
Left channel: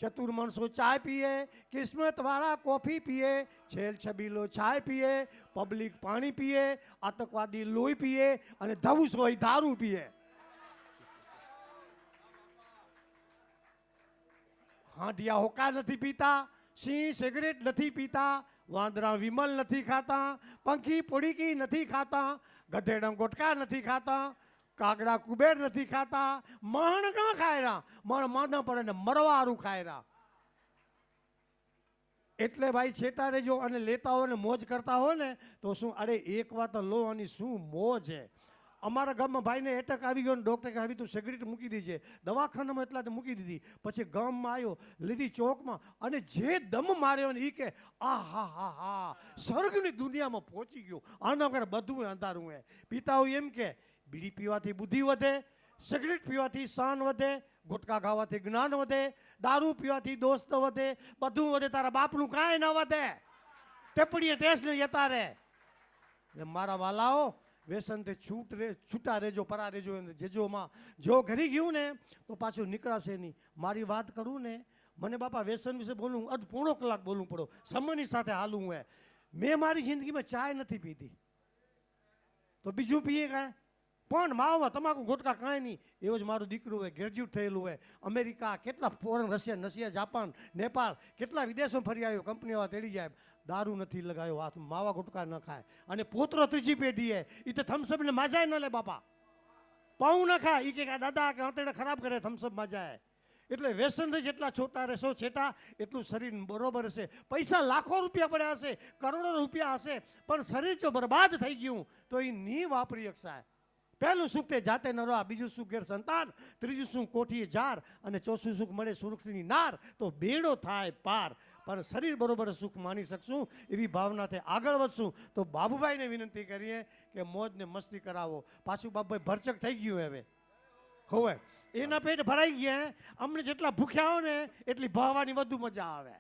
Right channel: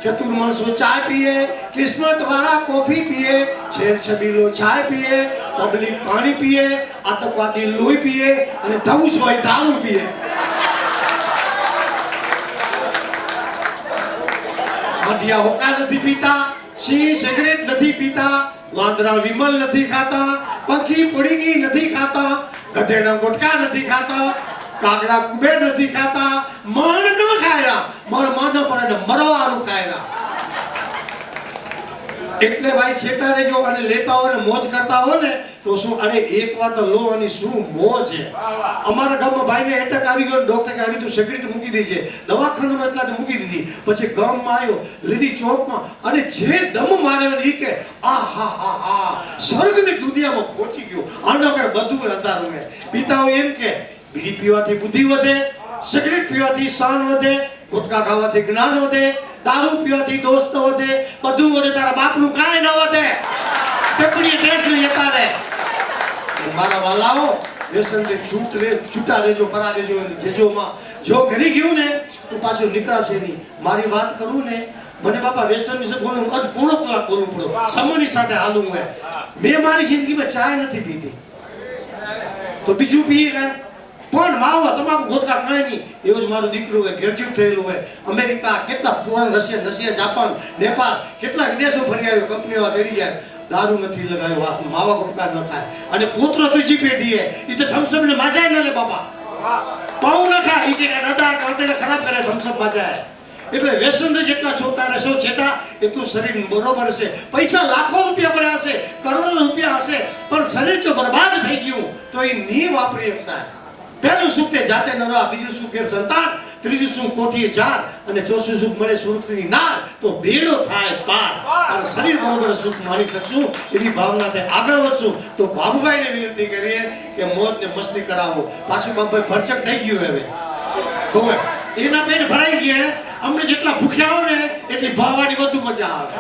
ચતુર માણસો ચા પીએ, કિસ્મત વાળા કોફી પીએ, છેલ છબીલો ચાય પીએ, પબ્લિક પાણી પીએ, આતંકવાદી લોહી પીએ અને ધઉસ હોય દારૂ પીએ. મઢિયા હોકા નથી પીતા, સિંહ સિગરેટ નથી પીતા, વાંદરા વિમલ નથી ખાતા, પંખી પડીગી નથી ખાતા, ગધેડા ગુટકા નથી ખાતા, કાગડા કુબેર નથી ખાતા, મણ ન ખાયા, મણ પડે મરવારું ખાયરા. એટલે ભાઈ છેટા રહેજો અને લેતા હોય ને મોજ કરતા હોય ને તો શું, અરે એક વાત લો અને શું મોજ છે. અમારા ગામમાં ભાઈને એટેક આવી ગયો, ડોક્ટર આવી તું સિગરેટ મૂકી દેજે, દવાખાનામાં એટલા તો મૂકી દીધી. પછી ગામમાં આવ્યો, લીધી ચોકમાં, અને જે દમ માર્યો એ કે આ હા હા હા સ્વર્ગની દુનિયામાં પહોંચી ગયો. આનો કર બધું અંધારું હે. પિતાઓ એમ કે બીડી પીવાથી બુદ્ધિ વધે, સિગરેટ પીવાથી શાન વધે, ગુટકા ખાવાથી જ્ઞાન વધે, દારૂ પીવાથી દોસ્ત વધે, બધું વધે, તારા બાપનું કાંઈ ન વધે. ટપડી ટેસ્ટ લેતા રહે. મારા વાલાઓ વ્યસનથી છૂટા રહેજો, પરા રહેજો. જેજોમાં જો ઘરી ગયું ને તો પાછું નીકળાશે નહીં. મારી વાત કરું ને, મને બાપા વ્યસન વિશે બોલવું પૂર્ણ બોલવું પડે, સમયની સાથે હાલવું હોય. મેં મારી જિંદગીમાં ચાય નથી પીધી તો બીજું પી ગયા, પણ માવો તમાકુ ગોટલા કાંઈ નહીં. એવું જ મારું દીકરું હોય, ગ્રેજ્યુએટ થયેલું હોય, અમેરિકા, કેટલા ફોરેન, રશિયા, જાપાન, નેપાળ, કેટલા વિદેશો ફરી આવ્યો, કંપનીઓ ઘડી જાય, દારૂ નથી લગાવ્યો, વાતમાં માવા ગુટકા ન ખાય. અને પુત્ર ત્રીજી પેઢી એ તો થમ્સઅપ ને માજાય ન લે બાપા, પાઉ ન ખાય. એ કે દાદા કાંતેને ખરાબ કરે, થમ્સઅપ માજાય. એટલે વ્યસન જેટલા છોટા રહેશો છેટા એટલું શરીર બરોબર હશે. પૈસા લાખો રૂપિયા પડ્યા હશે, કરોડો રૂપિયા હશે, પણ શરીર જો બરબાદ થઈ ગયું તો એ ની વાપરી શકશે. પહેલું સુખ તે જાતે ન રહો, બીજું સુખ એ સંતાન, ત્રીજું સુખ કોઠીએ જાર, અને ચોથું સુખ મળે સુરક્ષની નાર, તો બેડો થાય પાર. અને શરીર બરોબર સુખ માણી શકશું, એવી ભાવનાથી આગળ વધશું. તો બાબુભાઈને વિનંતી કરીએ કે મોજ ને મસ્તી કરાવો. પાછું બાબુભાઈ ભરચક થઈ ગયું હવે, ખબર એના પેટ ભરાઈ ગયા. અમને જેટલા ભૂખ્યા હો ને એટલી ભાવવાની વધુ મજા આવે.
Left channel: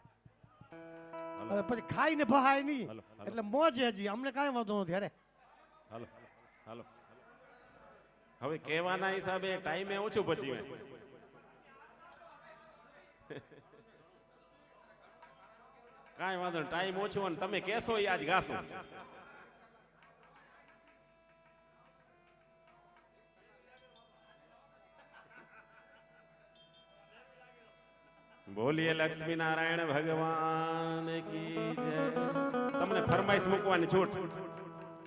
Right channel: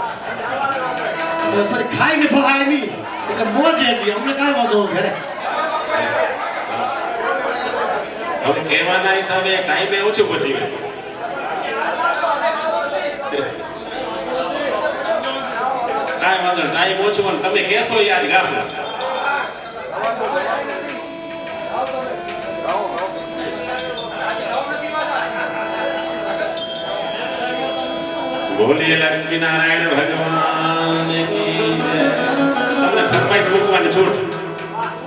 પછી ખાઈને ભવાય નહીં, એટલે મોજ હજી અમને કાંઈ વાંધો ઘરે. હવે કહેવાના હિસાબે ટાઈમે ઓછું પહોંચી ગયું. કાંઈ વાંધો, ટાઈમ ઓછું અને તમે કહેશો યાદ ગાશો. બોલીએ લક્ષ્મી નારાયણ ભગવાન કી જય. તમને ફરમાઈશ મૂકવાની છૂટ.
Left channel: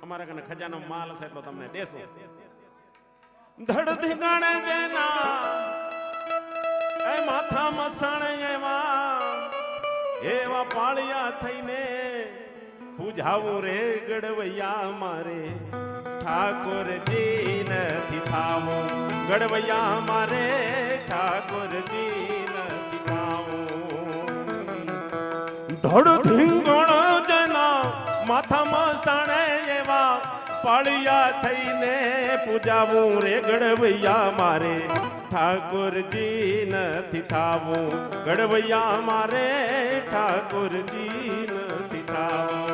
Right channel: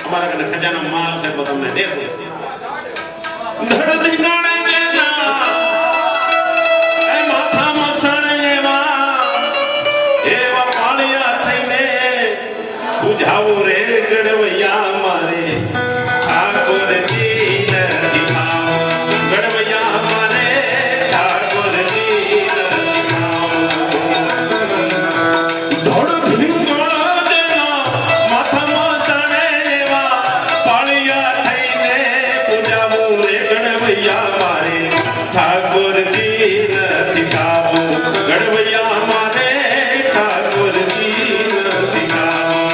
અમારા કને ખજાનો માલ છે તો તમને દેશે. ધડધી નાણે ના એ માથામાં સણેવા એવા પાણિયા થઈને બુઝાવો રે ગડવૈયા મારે ઠાકોરજી દીપાઓ. ગડવૈયા મારે ઠાકોરજી દીપાઓ. ધડધી નાણા માથામાં સણેવા પાણિયા થઈને બુઝાવો રે ગણવૈયા મારે ઠાકોરજી નથી ખાવું. ગણવૈયા મારે ઠાકોરજી નથી ખાવું.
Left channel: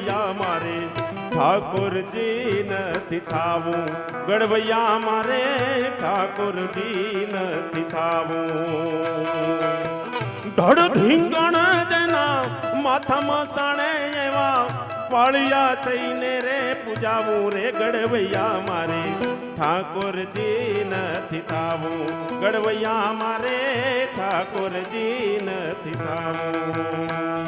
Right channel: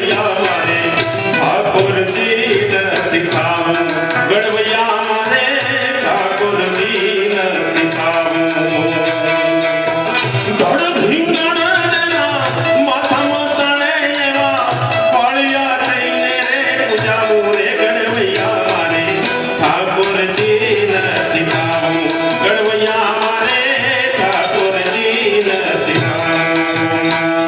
ગણવૈયા મારે ઠાકોરજી નથી ખાવું ગણવૈયા મારે ઠાકોરજી નથી ખાવું ધડ ભીંગણા માથામાં ચણે એવા પાળિયા થઈને રે પૂજાવું રે ગણવૈયા મારે ઠાકોરજી નથી ખાવું ગણવૈયા મારે ઠાકોરજી નથી ખાવું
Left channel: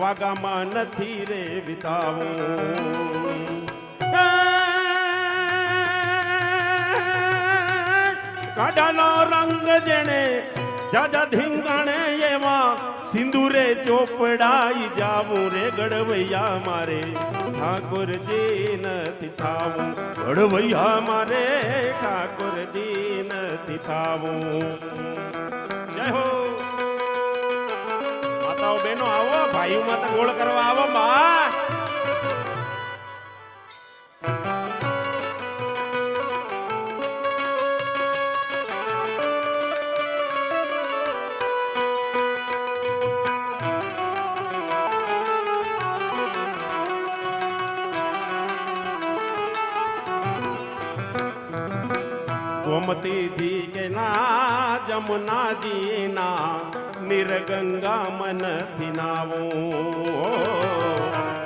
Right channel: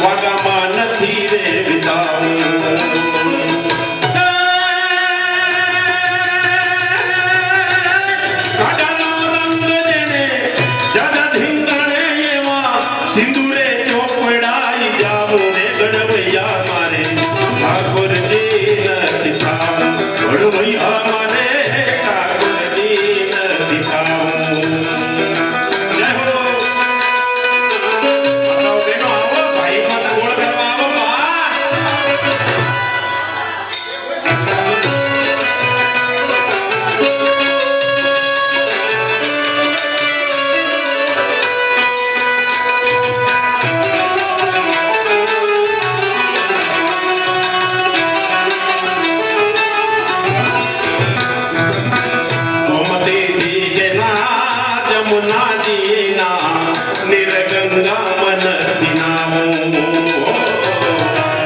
વાગામાં નથી રે વિતાવું કાઢાનો રંગ જેને જાજા ધીંગાણે એવા સિંદૂરે ચોપડાઈ જાવું રે ગણવૈયા મારે ઠાકોરજી નથી ખાવું ગણવૈયા મારે ઠાકોરજી નથી ખાવું જય હો આવો ભાઈ મત ગોળ કરવા આવો બા ગોમતી જી કે ના જમુના જી ના નિરગંગા મન દિનાવું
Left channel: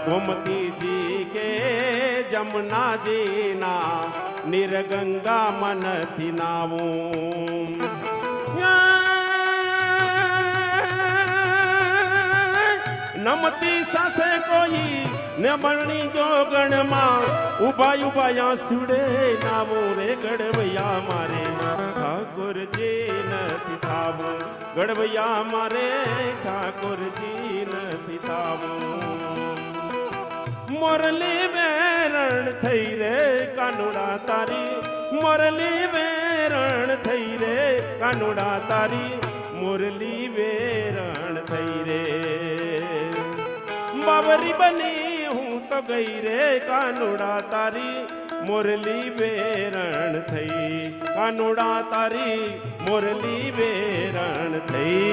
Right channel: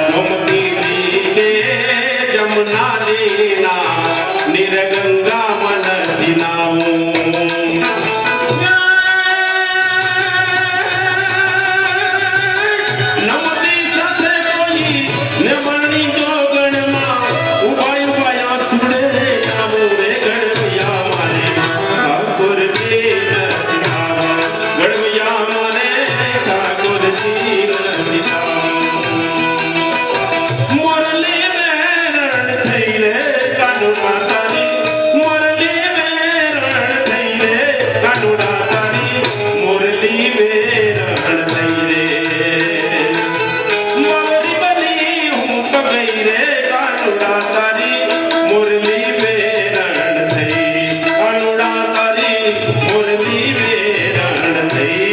ગોમતી જી કે જમુના જી ના નિરગંગા મન દિનાવું નમતી સાથે કોઈ નમણી જોગણમાં ઉભાઈ ઉભાયા સુડે નાવું રે ગણવૈયા મારે ઠાકોરજી નથી ખાવું ગણવૈયા મારે ઠાકોરજી નથી ખાવું મોરલી બેરણ થઈ રે કાનુડા તારી મોરલી બેરણ થઈ રે કાનુડા તારી મોરલી બેરણ થઈ રે મગરી બની હું કગઈ રે કાનુડા તારી મુરલી બેરણ થઈ કાનુડા તારી મુરલી બેરણ થઈ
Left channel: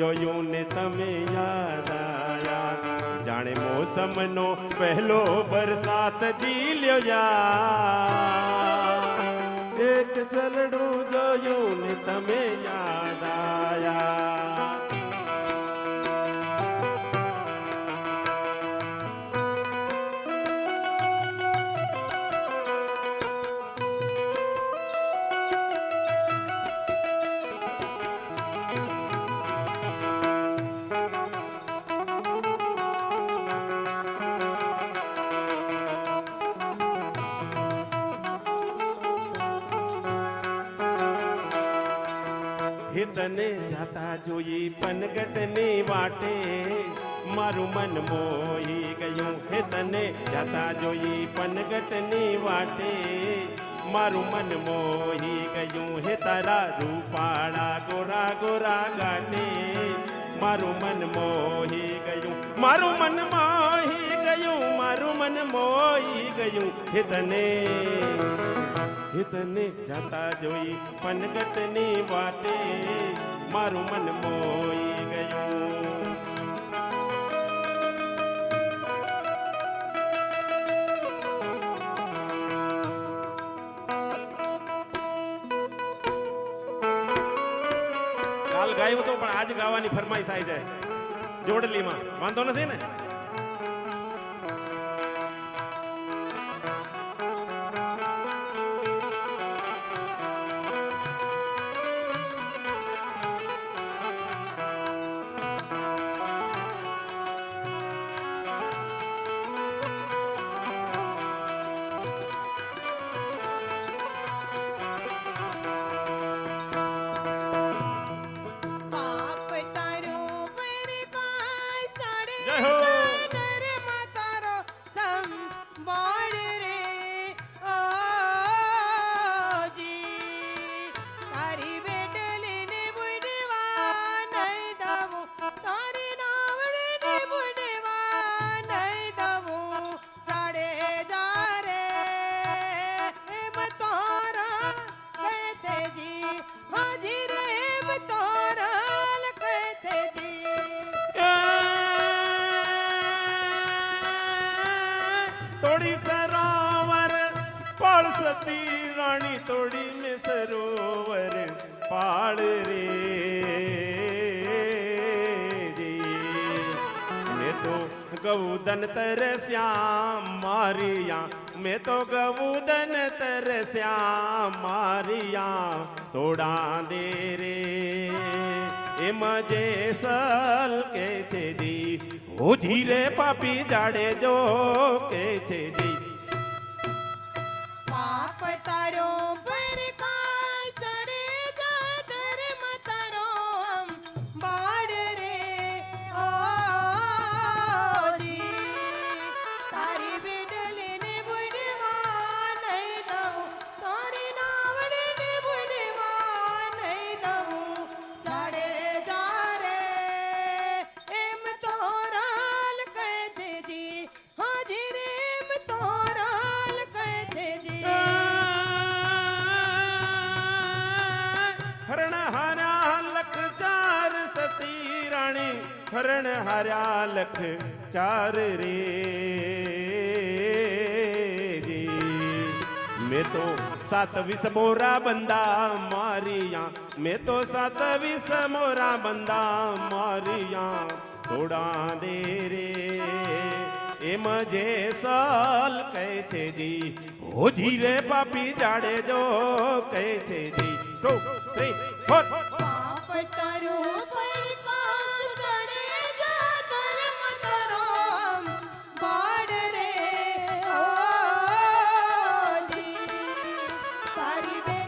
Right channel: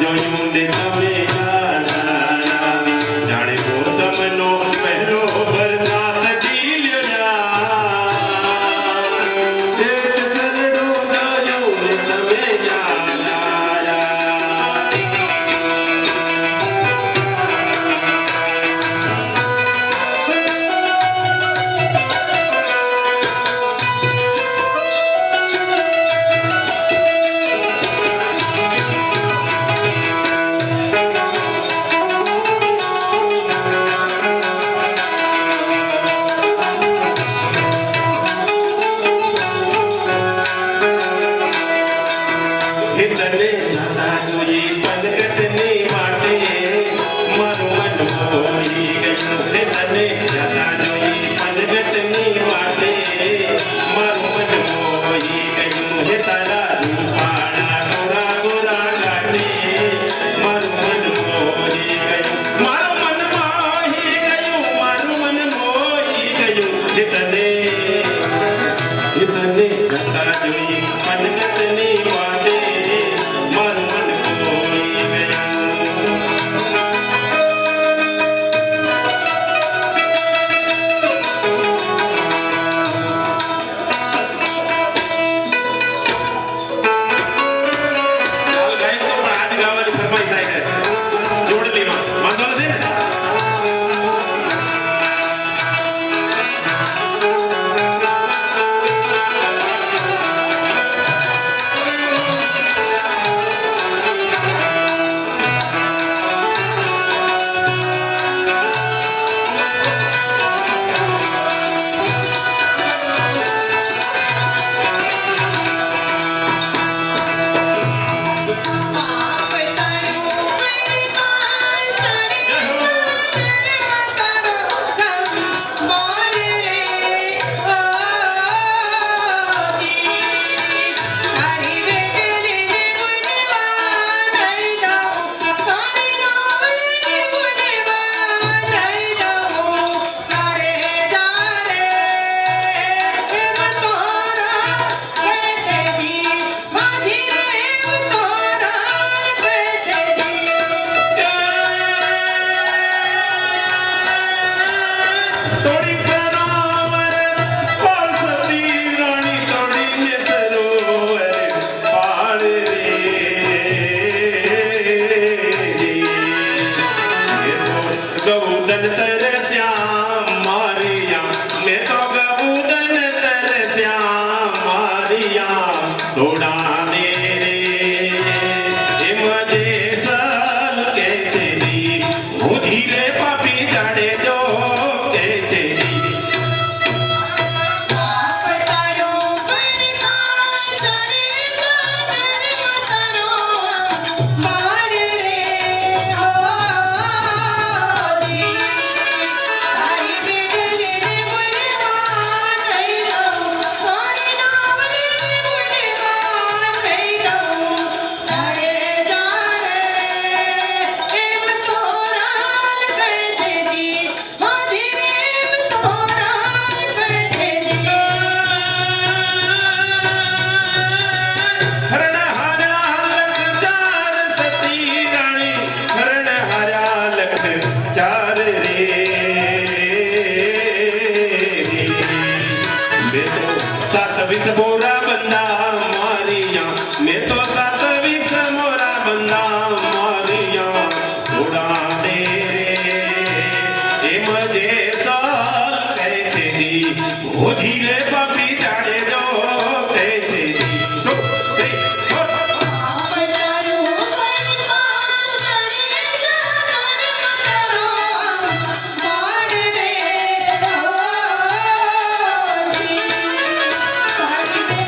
જોયું ને તમે યારા જાણે મોસમનો પહેલો વરસાદ ડીલ્યો યાર એક ચરણું જોયું ને તમે યારા તને જાતા જોઈ પલકટની વાટે મારું મન મોહી ગયું રે તને જાતા જોઈ પલકટની વાટે મારું મન મોહી ગયું હે તારા રૂપાળા ગોરા ગોરા ગાટે મારું મન મોહી ગયું મારું મન મોહી ગયું મારું મન મોહી ગયું હે તને જાતા જોઈ પલકટની વાટે મારું મન મોહી ગયું ચાલ ગાય તો પણ આજ ગાવાની ફરમાઈશ આવી છે જોડલીમાં વાંધો નથી ને તોડી સરોવર પાળસતી રાણી તોડીને સરોવર પાળ રે ગૌદન તરસ્યા મારિયા મેં તો ગૌદન તરસ્યા મારિયા થોડા દે રે એમ જે સલ કે તેરી હું ધીરે પાપી જાડે દો કે તેરી ધીરે પાપી જાડે દો Bye.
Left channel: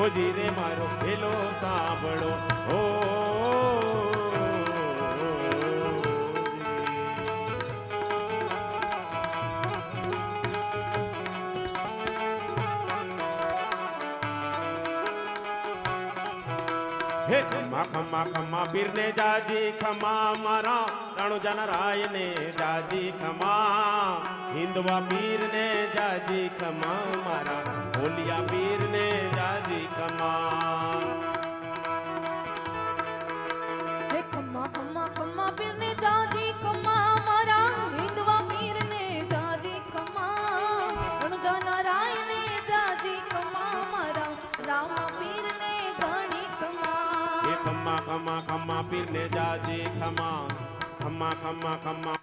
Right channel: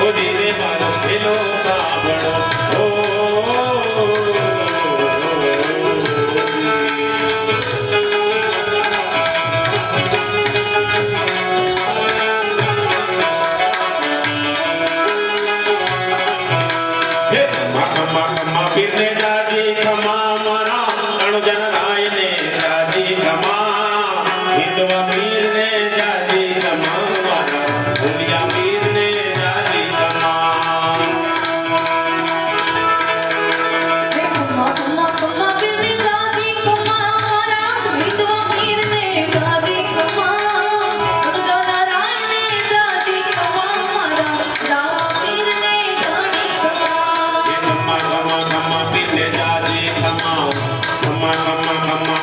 ઓ ધીરે મારો પેલો સાંભળો પીરને જાજી ખમા મારા અણજન રાયને જાજી ખમા હિંદવા પીરને જાજી ખમા મારા ભૂલિયા પીરને જાજી ખમા ખમા ખમા ખમા પીરને જાજી ખમા ખમા ખમા ખમા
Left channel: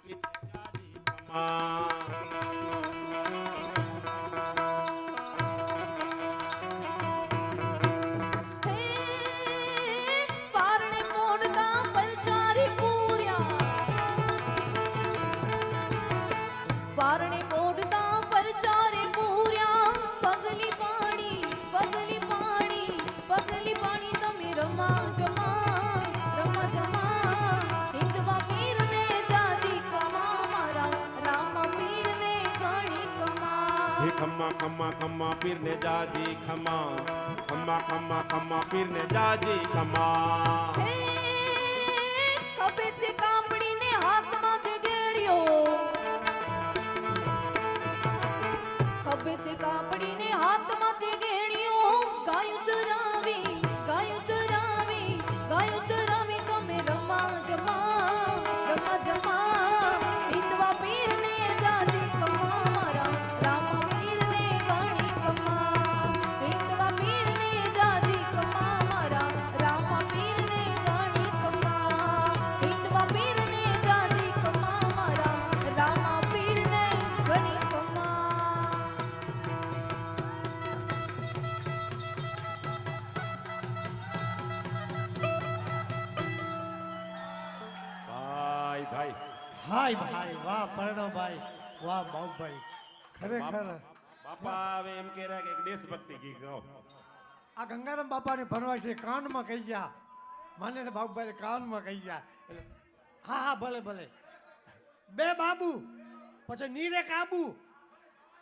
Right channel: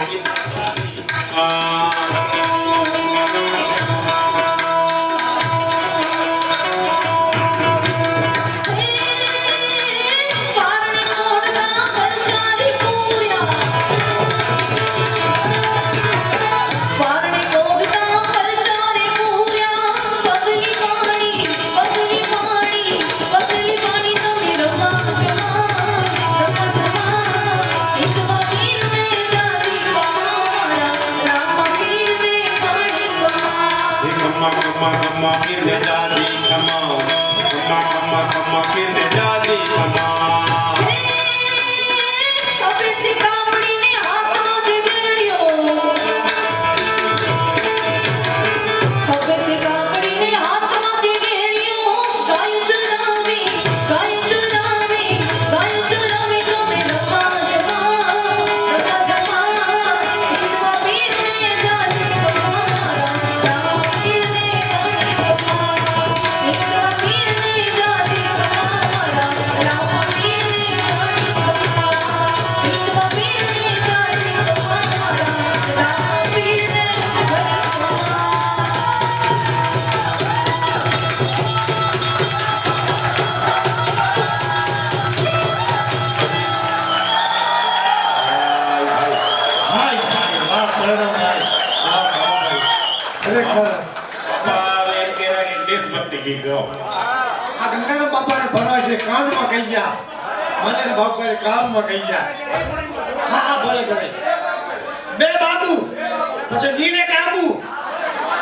ખમા ખમા ખમા પીરને જાજી ખમા ખમા ખમા ખમા પીરને જાજી ખમા ખરેખર બાપા એમ કહેવાય કે દેશભક્તિ ગીત ગાઓ આ ગંગારામ બાપાને ભરવા છે કાનમાં કહી ગયા મને ને બાપાએ કાનમાં કહી ગયા હા હા ભલે ભલે બે બાબુ પછી નીને કાબુ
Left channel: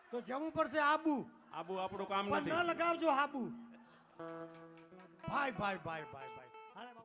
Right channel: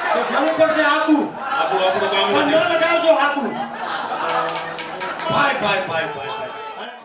તો જવું પડશે આબુ આપણું કામ પણ નથી ન લગાવજો આબુ ભાઈ ભાઈ ભાઈ ભાઈ